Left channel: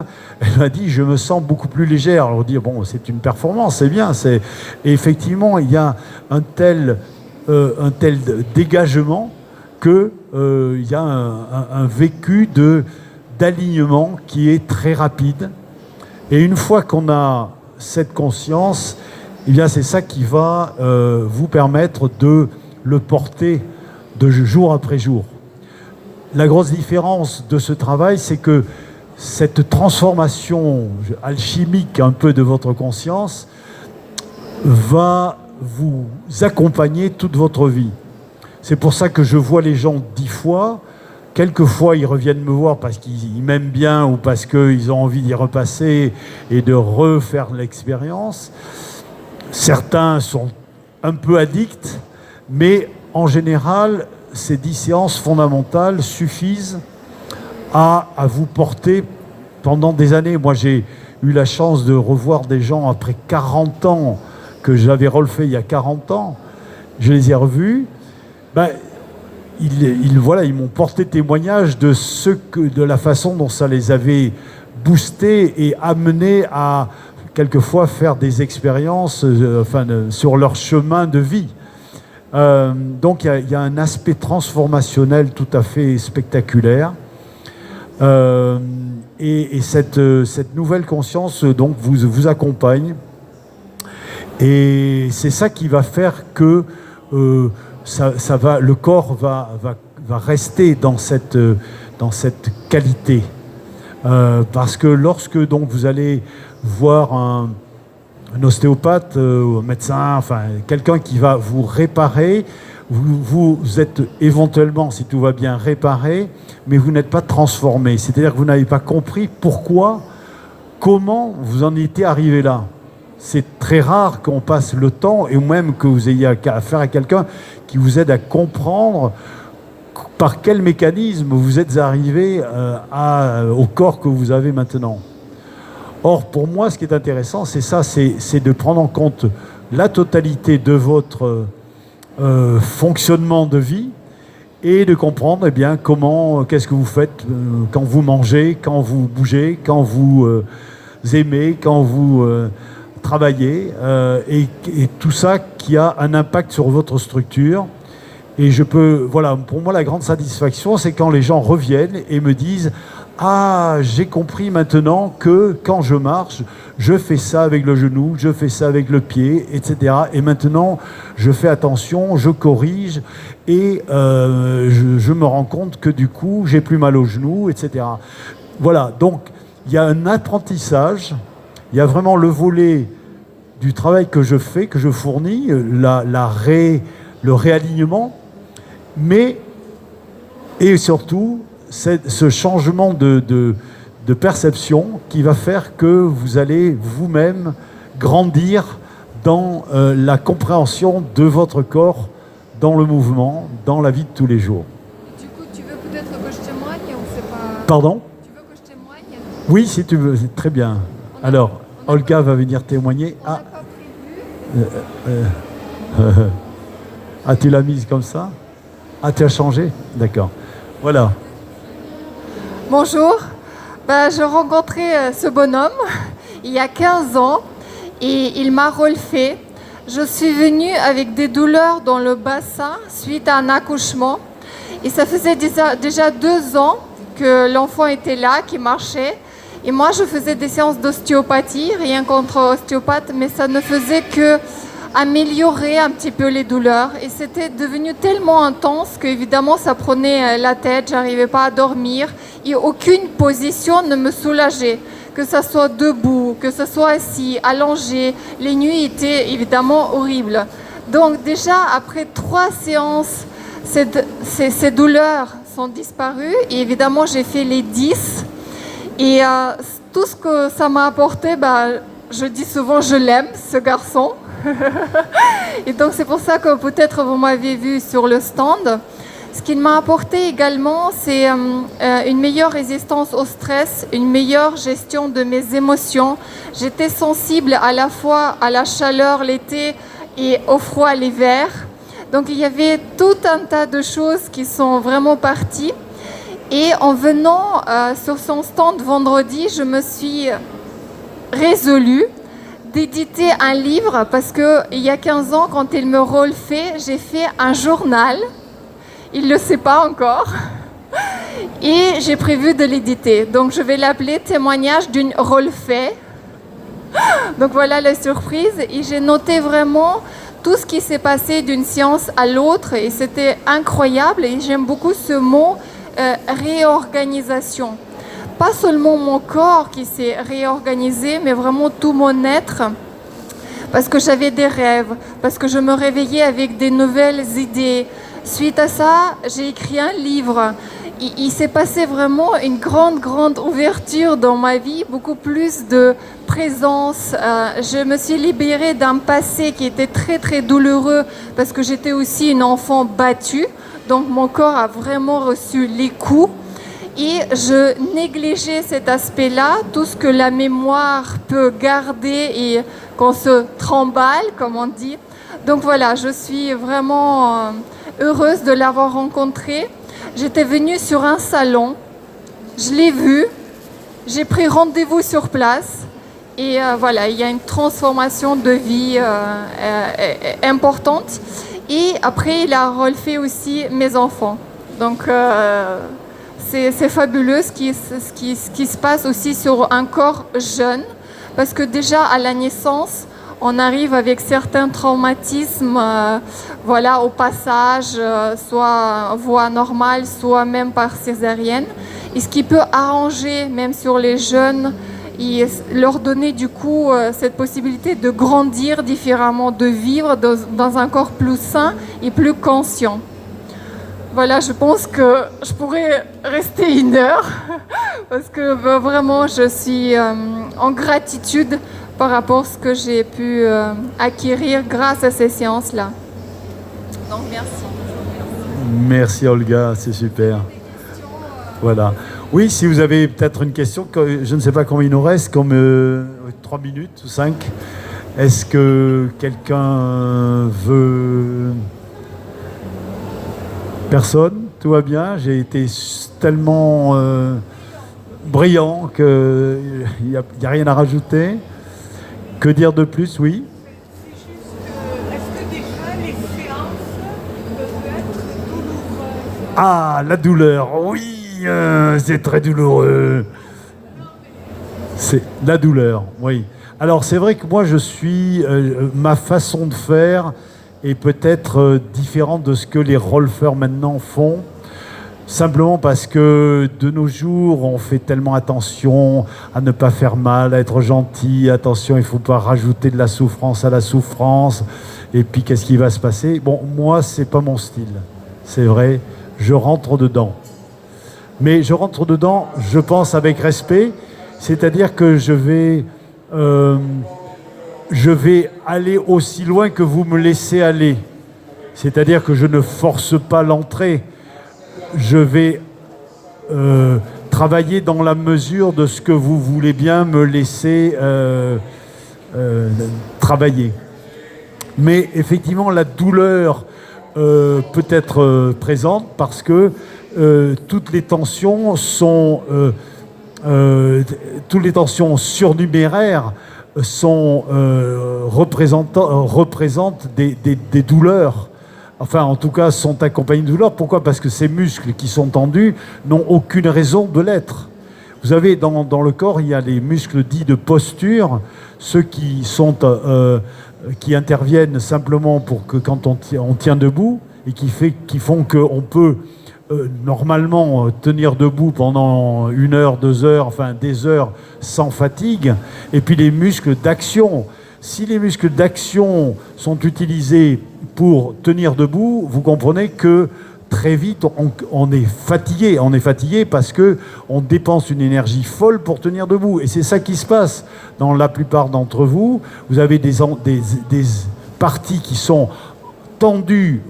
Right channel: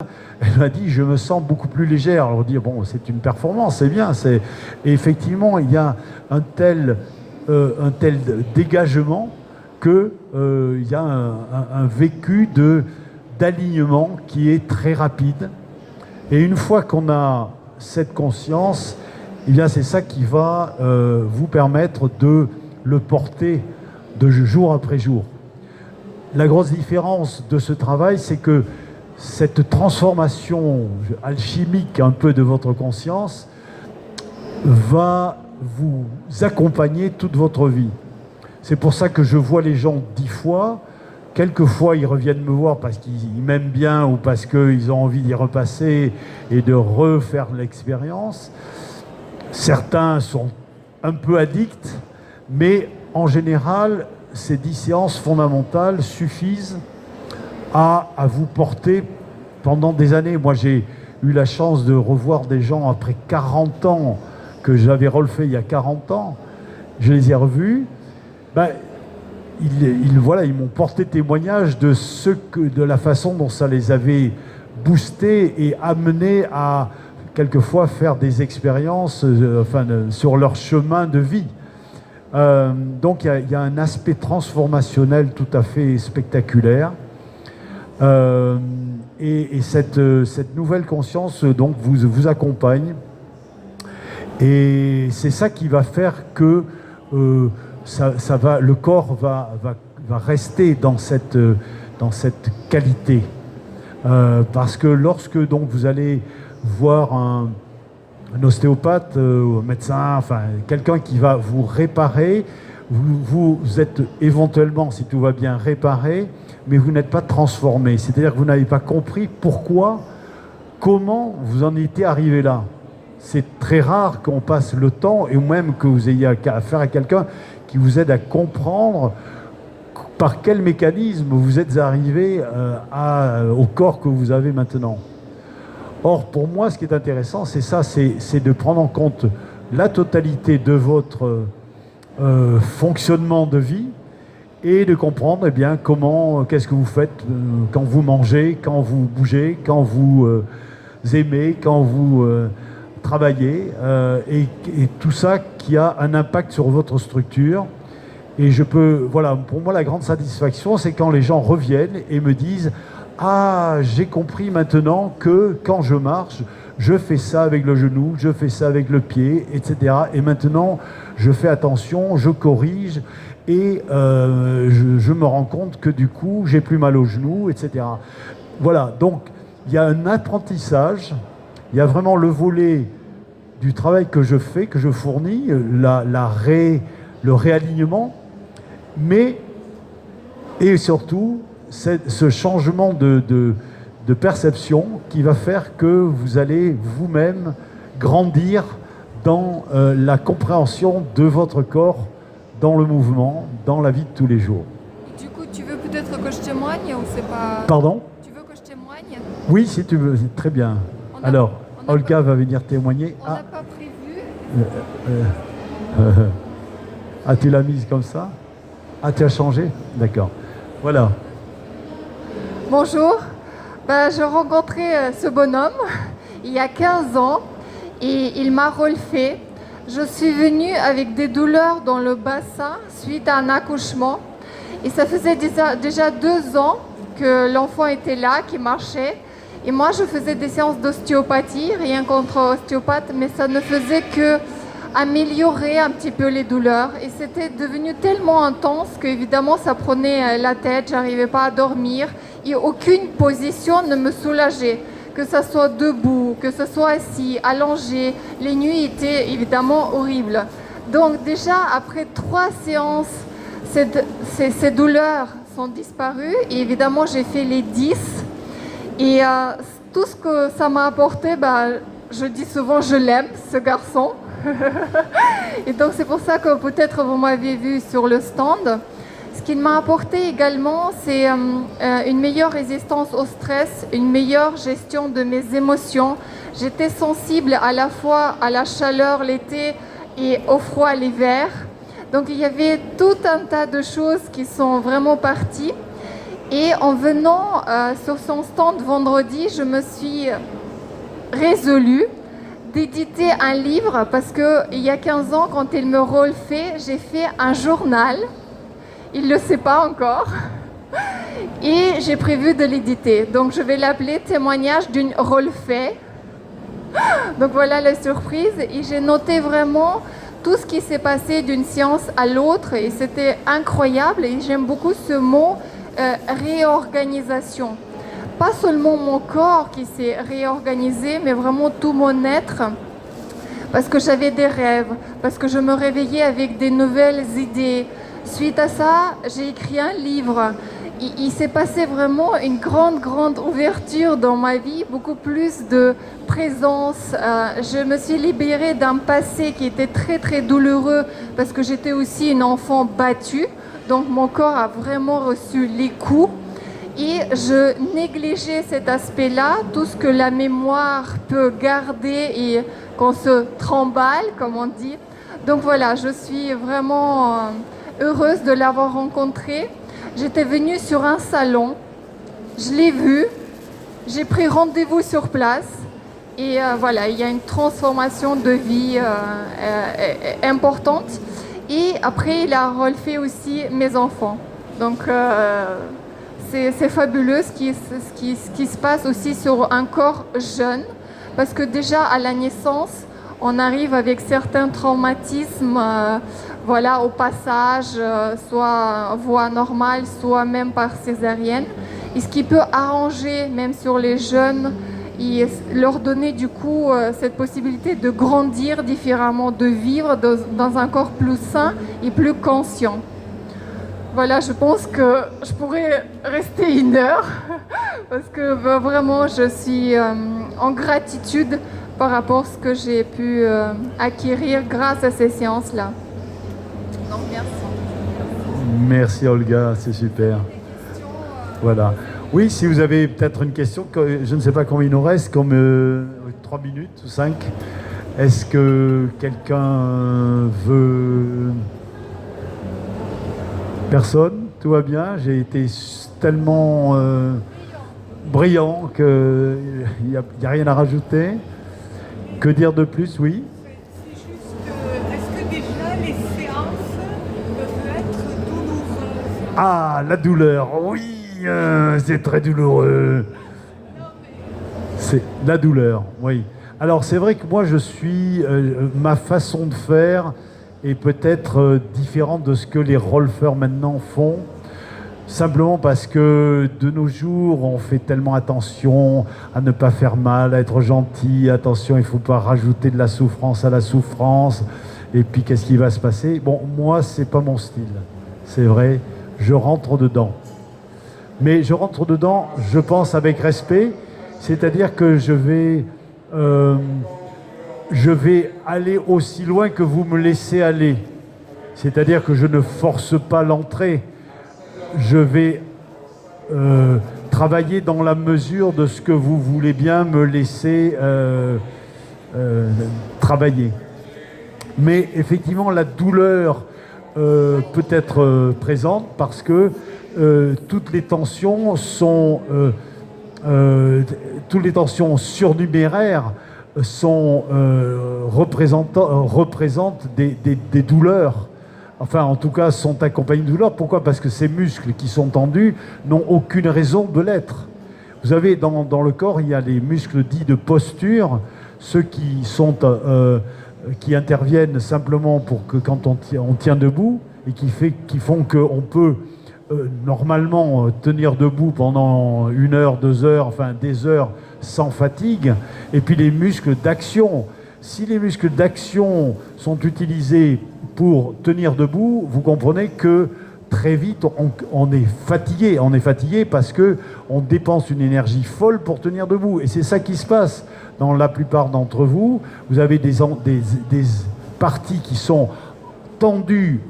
Elle m'a dit, je me sens beaucoup plus légère. Alors on dit, bon, c'est une performance, c'est bien. Et effectivement, il y a un tel dégagement qu'il y a un vécu d'alignement qui est très rapide. Et une fois qu'on a cette conscience, eh bien, c'est ça qui va vous permettre de le porter de jour après jour. La grosse différence de ce travail, c'est que cette transformation alchimique un peu de votre conscience va vous accompagner toute votre vie. C'est pour ça que je vois les gens 10 fois. Quelquefois, ils reviennent me voir parce qu'ils m'aiment bien ou parce qu'ils ont envie d'y repasser et de refaire l'expérience. Certains sont un peu addicts, mais en général, ces 10 séances fondamentales suffisent à vous porter pendant des années. Moi, j'ai eu la chance de revoir des gens après 40 ans que j'avais relevé il y a 40 ans. Je les ai revus. Ils m'ont porté témoignage de la façon dont ça les avait boostés et amenés à quelquefois faire des expériences sur leur chemin de vie. Donc il y a un aspect transformationnel tout à fait spectaculaire. Et cette nouvelle conscience donc vous accompagne. Et c'est ça qui va faire que le corps va rester dans cette qualité. Parce que lorsque donc, vous allez voir un ostéopathe, un médecin, enfin quelqu'un qui va vous réparer, vous êtes éventuellement, si tout va bien, réparé, mais vous n'êtes pas transformé. C'est-à-dire que vous n'avez pas compris comment vous en étiez arrivé là. C'est très rare qu'on passe le temps, et même que vous ayez affaire à quelqu'un qui vous aide à comprendre par quel mécanisme vous êtes arrivé au corps que vous avez maintenant. Or, pour moi, ce qui est intéressant, c'est ça, c'est de prendre en compte la totalité de votre fonctionnement de vie et de comprendre eh bien, qu'est-ce que vous faites quand vous mangez, quand vous bougez, quand vous aimez, quand vous travaillez, et tout ça qui a un impact sur votre structure. Et pour moi, la grande satisfaction, c'est quand les gens reviennent et me disent « Ah, j'ai compris maintenant que quand je marche, je fais ça avec le genou, je fais ça avec le pied, etc. Et maintenant, je fais attention, je corrige et je me rends compte que du coup, j'ai plus mal au genou, etc. » Voilà, donc il y a un apprentissage, il y a vraiment le volet du travail que je fais, que je fournis, le réalignement, et surtout ce changement de perception qui va faire que vous allez vous-même grandir dans la compréhension de votre corps, dans le mouvement, dans la vie de tous les jours. Du coup, tu veux peut-être que je témoigne ou c'est pas... Pardon ? Tu veux que je témoigne ? Oui, si tu veux, c'est très bien. Alors, Olga va venir témoigner. On n'a pas prévu. Ah, tu l'as mise comme ça ? Ah, tu as changé ? D'accord. Voilà. Bonjour. Je rencontrais ce bonhomme il y a 15 ans et il m'a relevé. Je suis venue avec des douleurs dans le bassin suite à un accouchement. Et ça faisait déjà 2 ans que l'enfant était là, qui marchait. Et moi, je faisais des séances d'ostéopathie, rien contre ostéopathe, mais ça ne faisait que améliorer un petit peu les douleurs. Et c'était devenu tellement intense qu'évidemment, ça prenait la tête, j'arrivais pas à dormir. Et aucune position ne me soulageait. Que ça soit debout, que ce soit assis, allongé. Les nuits étaient évidemment horribles. Donc déjà, après 3 séances, ces douleurs sont disparues. Et évidemment, j'ai fait les 10. Et tout ce que ça m'a apporté, je dis souvent je l'aime, ce garçon. Et donc c'est pour ça que peut-être vous m'avez vu sur le stand. Ce qu'il m'a apporté également, c'est une meilleure résistance au stress, une meilleure gestion de mes émotions. J'étais sensible à la fois à la chaleur l'été et au froid l'hiver. Donc il y avait tout un tas de choses qui sont vraiment parties. Et en venant sur son stand vendredi, je me suis résolue d'éditer un livre parce qu'il y a 15 ans, quand il me refait, j'ai fait un journal. Il ne le sait pas encore. Et j'ai prévu de l'éditer. Donc je vais l'appeler Témoignage d'une refait. Donc voilà la surprise. Et j'ai noté vraiment tout ce qui s'est passé d'une séance à l'autre. Et c'était incroyable. Et j'aime beaucoup ce mot réorganisation. Pas seulement mon corps qui s'est réorganisé, mais vraiment tout mon être. Parce que j'avais des rêves, parce que je me réveillais avec des nouvelles idées. Suite à ça, j'ai écrit un livre. Il s'est passé vraiment une grande ouverture dans ma vie, beaucoup plus de présence. Je me suis libérée d'un passé qui était très douloureux parce que j'étais aussi une enfant battue. Donc mon corps a vraiment reçu les coups. Et je négligeais cet aspect-là, tout ce que la mémoire peut garder et qu'on se tremballe, comme on dit. Donc voilà, je suis vraiment heureuse de l'avoir rencontré. J'étais venue sur un salon, je l'ai vu, j'ai pris rendez-vous sur place. Et voilà, il y a une transformation de vie importante. Et après, il a refait aussi mes enfants. Donc c'est fabuleux ce qui se passe aussi sur un corps jeune, parce que déjà à la naissance, on arrive avec certains traumatismes, voilà, au passage, soit voie normale, soit même par césarienne, et ce qui peut arranger même sur les jeunes et leur donner du coup cette possibilité de grandir différemment, de vivre dans un corps plus sain et plus conscient. Voilà, je pense que je pourrais rester 1 heure parce que vraiment je suis en gratitude par rapport à ce que j'ai pu acquérir grâce à ces séances-là. Donc merci. Merci Olga, c'est super. Voilà. Oui, si vous avez peut-être une question, je ne sais pas combien il nous reste, comme 3 minutes ou 5. Est-ce que quelqu'un veut... Personne, tout va bien. J'ai été tellement brillant qu'il n'y a rien à rajouter. Que dire de plus, oui? Est-ce que déjà les séances peuvent être douloureuses? Ah, la douleur, oui, c'est très douloureux. C'est la douleur, oui. Alors c'est vrai que moi je suis, ma façon de faire est peut-être différente de ce que les rolfeurs maintenant font. Simplement parce que de nos jours, on fait tellement attention à ne pas faire mal, à être gentil, attention, il ne faut pas rajouter de la souffrance à la souffrance, et puis qu'est-ce qui va se passer? Bon, moi, c'est pas mon style, c'est vrai, je rentre dedans. Mais je rentre dedans, je pense, avec respect, c'est-à-dire que je vais aller aussi loin que vous me laissez aller. C'est-à-dire que je ne force pas l'entrée. Je vais travailler dans la mesure de ce que vous voulez bien me laisser travailler. Mais effectivement, la douleur peut être présente parce que toutes les tensions sont surnuméraires représentent des douleurs. Enfin, en tout cas, sont accompagnés de douleur. Pourquoi? Parce que ces muscles qui sont tendus n'ont aucune raison de l'être. Vous avez dans le corps, il y a les muscles dits de posture, ceux qui interviennent simplement pour que quand on tient debout et qui font qu'on peut normalement tenir debout pendant 1 heure, 2 heures, enfin des heures sans fatigue. Et puis les muscles d'action. Si les muscles d'action sont utilisés pour tenir debout, vous comprenez que très vite on est fatigué. On est fatigué parce qu'on dépense une énergie folle pour tenir debout. Et c'est ça qui se passe dans la plupart d'entre vous. Vous avez des parties qui sont tendues,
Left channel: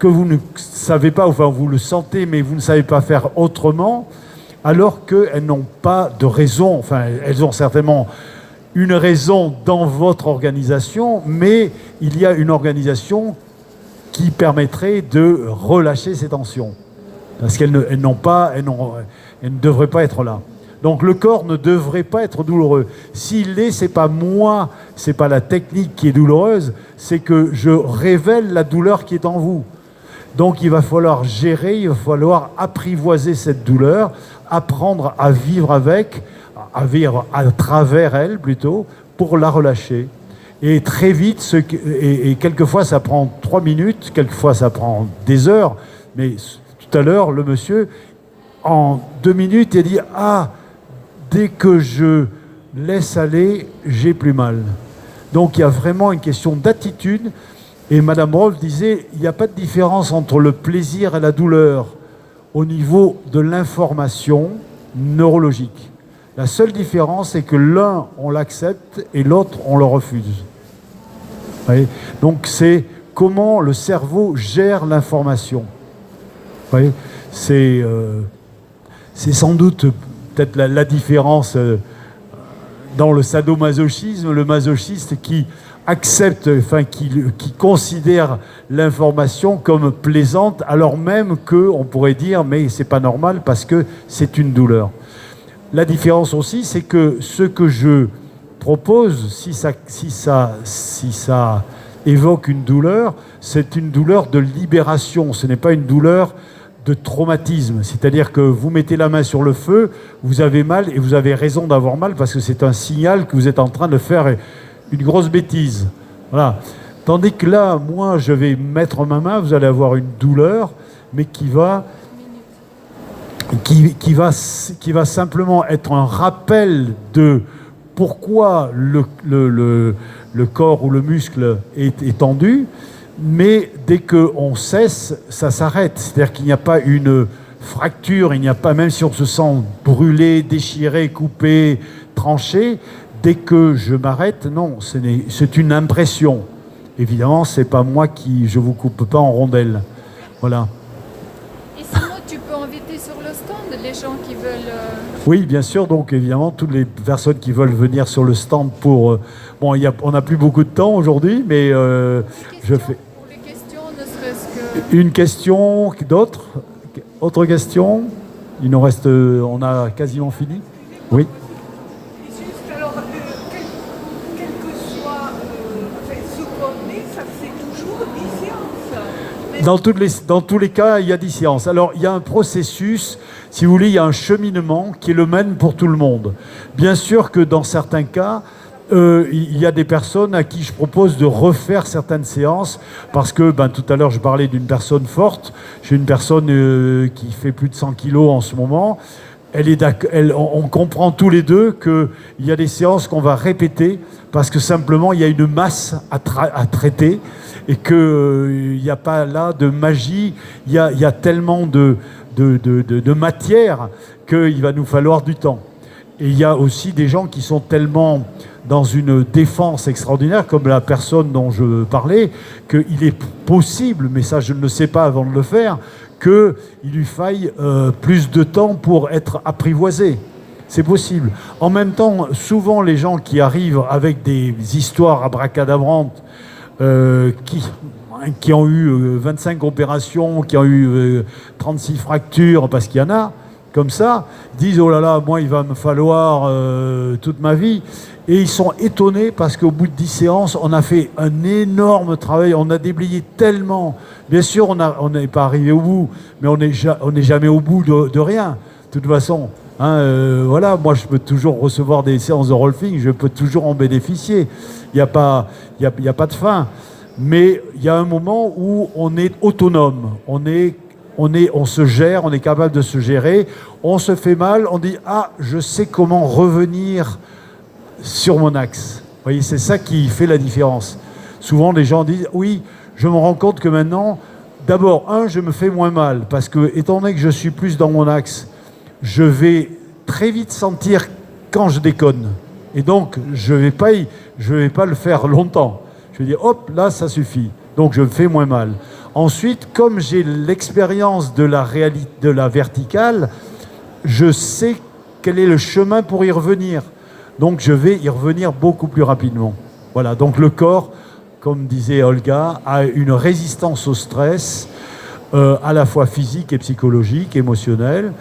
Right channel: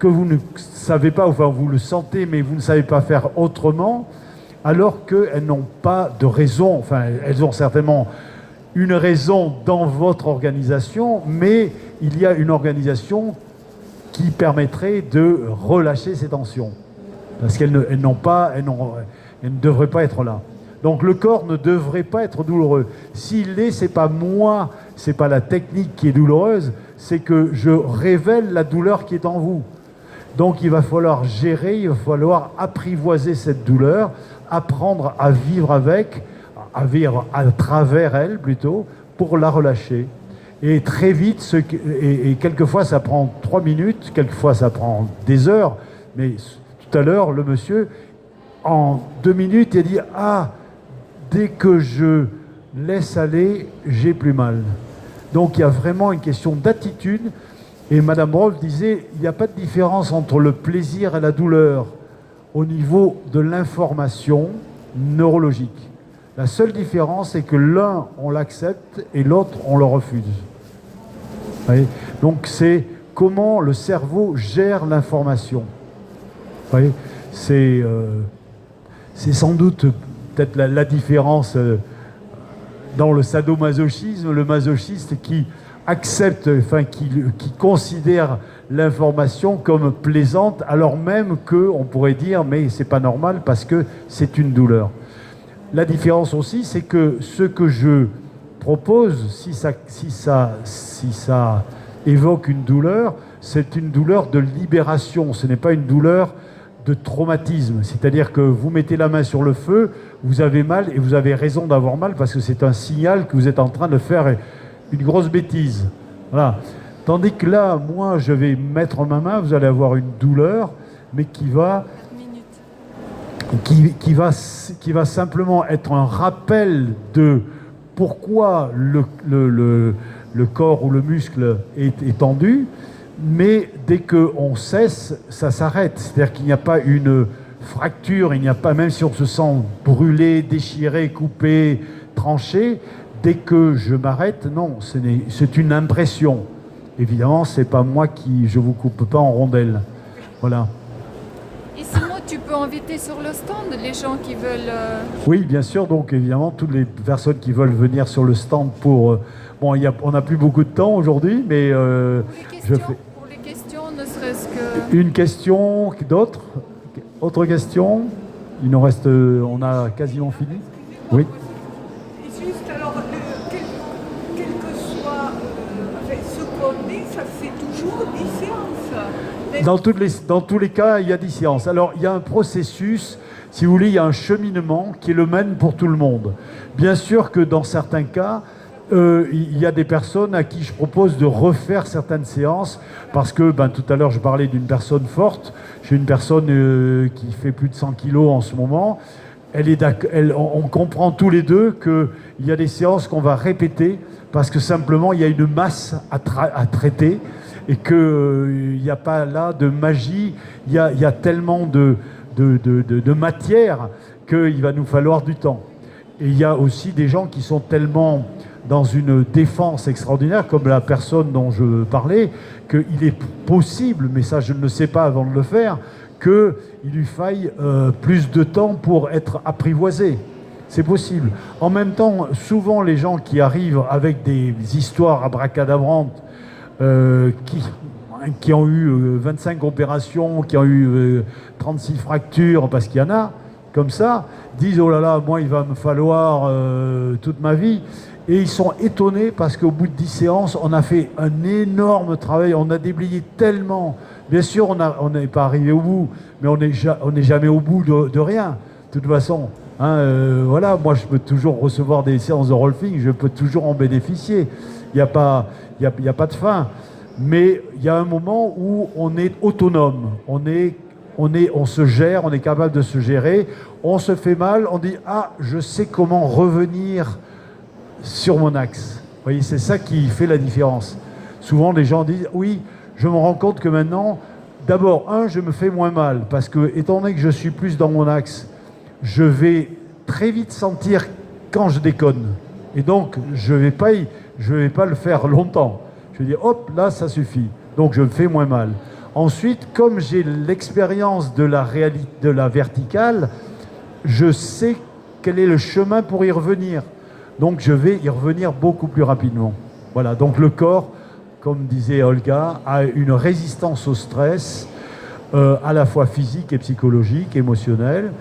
que vous ne savez pas, enfin vous le sentez, mais vous ne savez pas faire autrement, alors qu'elles n'ont pas de raison. Enfin, elles ont certainement une raison dans votre organisation, mais il y a une organisation qui permettrait de relâcher ces tensions. parce qu'elles ne devraient pas être là. Donc le corps ne devrait pas être douloureux. S'il l'est, c'est pas moi, c'est pas la technique qui est douloureuse, c'est que je révèle la douleur qui est en vous. Donc il va falloir gérer, il va falloir apprivoiser cette douleur, apprendre à vivre avec, à vivre à travers elle plutôt, pour la relâcher. Et très vite, et quelquefois ça prend 3 minutes, quelquefois ça prend des heures, mais tout à l'heure, le monsieur, en 2 minutes, il a dit « Ah, dès que je laisse aller, j'ai plus mal ». Donc il y a vraiment une question d'attitude. Et Madame Rolf disait, il n'y a pas de différence entre le plaisir et la douleur au niveau de l'information neurologique. La seule différence, c'est que l'un, on l'accepte et l'autre, on le refuse. Vous voyez ? Donc c'est comment le cerveau gère l'information. Vous voyez ? C'est sans doute peut-être la différence dans le sadomasochisme, le masochiste qui accepte, enfin qui considère l'information comme plaisante, alors même qu'on pourrait dire mais c'est pas normal parce que c'est une douleur. La différence aussi, c'est que ce que je propose, si ça évoque une douleur, c'est une douleur de libération, ce n'est pas une douleur de traumatisme. C'est-à-dire que vous mettez la main sur le feu, vous avez mal et vous avez raison d'avoir mal parce que c'est un signal que vous êtes en train de faire une grosse bêtise. Voilà. Tandis que là, moi, je vais mettre ma main, vous allez avoir une douleur, mais qui va simplement être un rappel de pourquoi le corps ou le muscle est tendu, mais dès qu'on cesse, ça s'arrête. C'est-à-dire qu'il n'y a pas une fracture, il n'y a pas, même si on se sent brûlé, déchiré, coupé, tranché, dès que je m'arrête, non, c'est une impression. Évidemment, c'est pas moi je vous coupe pas en rondelles. Voilà. Et sinon, tu peux inviter sur le stand les gens qui veulent... Oui, bien sûr. Donc, évidemment, toutes les personnes qui veulent venir sur le stand pour... bon, on n'a plus beaucoup de temps aujourd'hui, mais je fais... Pour les questions, ne serait-ce que... Une question, d'autres ? Autre question ? Il nous reste... on a quasiment fini ? Oui. Juste alors, quel que soit ce qu'on est, ça fait toujours 10 séances. Dans tous les cas, il y a 10 séances. Alors, il y a un processus, si vous voulez, il y a un cheminement qui est le même pour tout le monde. Bien sûr que dans certains cas, il y a des personnes à qui je propose de refaire certaines séances parce que tout à l'heure je parlais d'une personne forte. J'ai une personne qui fait plus de 100 kilos en ce moment. On comprend tous les deux qu'il y a des séances qu'on va répéter parce que simplement il y a une masse à traiter et qu'il n'y a pas là de magie, il y a tellement de matière qu'il va nous falloir du temps. Et il y a aussi des gens qui sont tellement dans une défense extraordinaire, comme la personne dont je parlais, qu'il est possible, mais ça je ne le sais pas avant de le faire, qu'il lui faille plus de temps pour être apprivoisé. C'est possible. En même temps, souvent les gens qui arrivent avec des histoires abracadabrantes, qui ont eu 25 opérations, qui ont eu 36 fractures, parce qu'il y en a, comme ça, disent « Oh là là, moi il va me falloir toute ma vie ». Et ils sont étonnés parce qu'au bout de 10 séances, on a fait un énorme travail, on a déblayé tellement. Bien sûr, on n'est pas arrivé au bout, mais on n'est jamais au bout de rien, de toute façon. Voilà, moi je peux toujours recevoir des séances de rolfing, je peux toujours en bénéficier. Il n'y a pas de fin. Mais il y a un moment où on est autonome, on se gère, on est capable de se gérer, on se fait mal, on dit « Ah, je sais comment revenir sur mon axe ». Vous voyez, c'est ça qui fait la différence. Souvent, les gens disent « Oui, je me rends compte que maintenant, d'abord, je me fais moins mal, parce que, étant donné que je suis plus dans mon axe, je vais très vite sentir quand je déconne. Et donc, je vais pas le faire longtemps. Je vais dire « Hop, là, ça suffit ». Donc, je me fais moins mal. Ensuite, comme j'ai l'expérience de la verticale, je sais quel est le chemin pour y revenir. Donc, je vais y revenir beaucoup plus rapidement. Voilà, donc le corps, comme disait Olga, a une résistance au stress à la fois physique et psychologique, émotionnelle,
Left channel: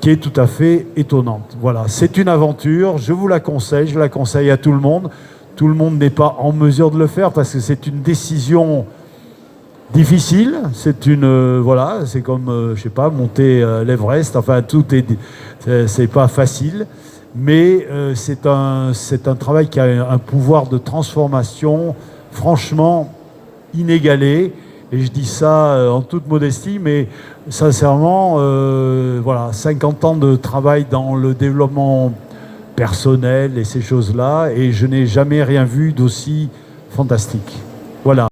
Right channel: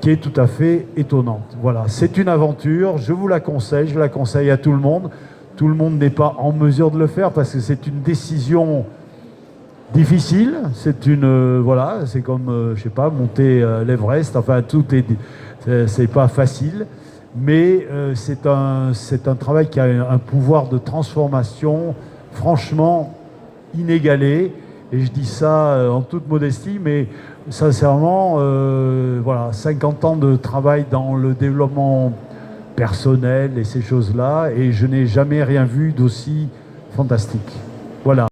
qui est tout à fait étonnante. Voilà, c'est une aventure, je vous la conseille, je la conseille à tout le monde. Tout le monde n'est pas en mesure de le faire parce que c'est une décision difficile. C'est une voilà, c'est comme je sais pas, monter l'Everest. Enfin, c'est pas facile, mais c'est un travail qui a un pouvoir de transformation franchement inégalé. Et je dis ça en toute modestie, mais sincèrement, voilà, 50 ans de travail dans le développement personnel et ces choses-là, et je n'ai jamais rien vu d'aussi fantastique. Voilà.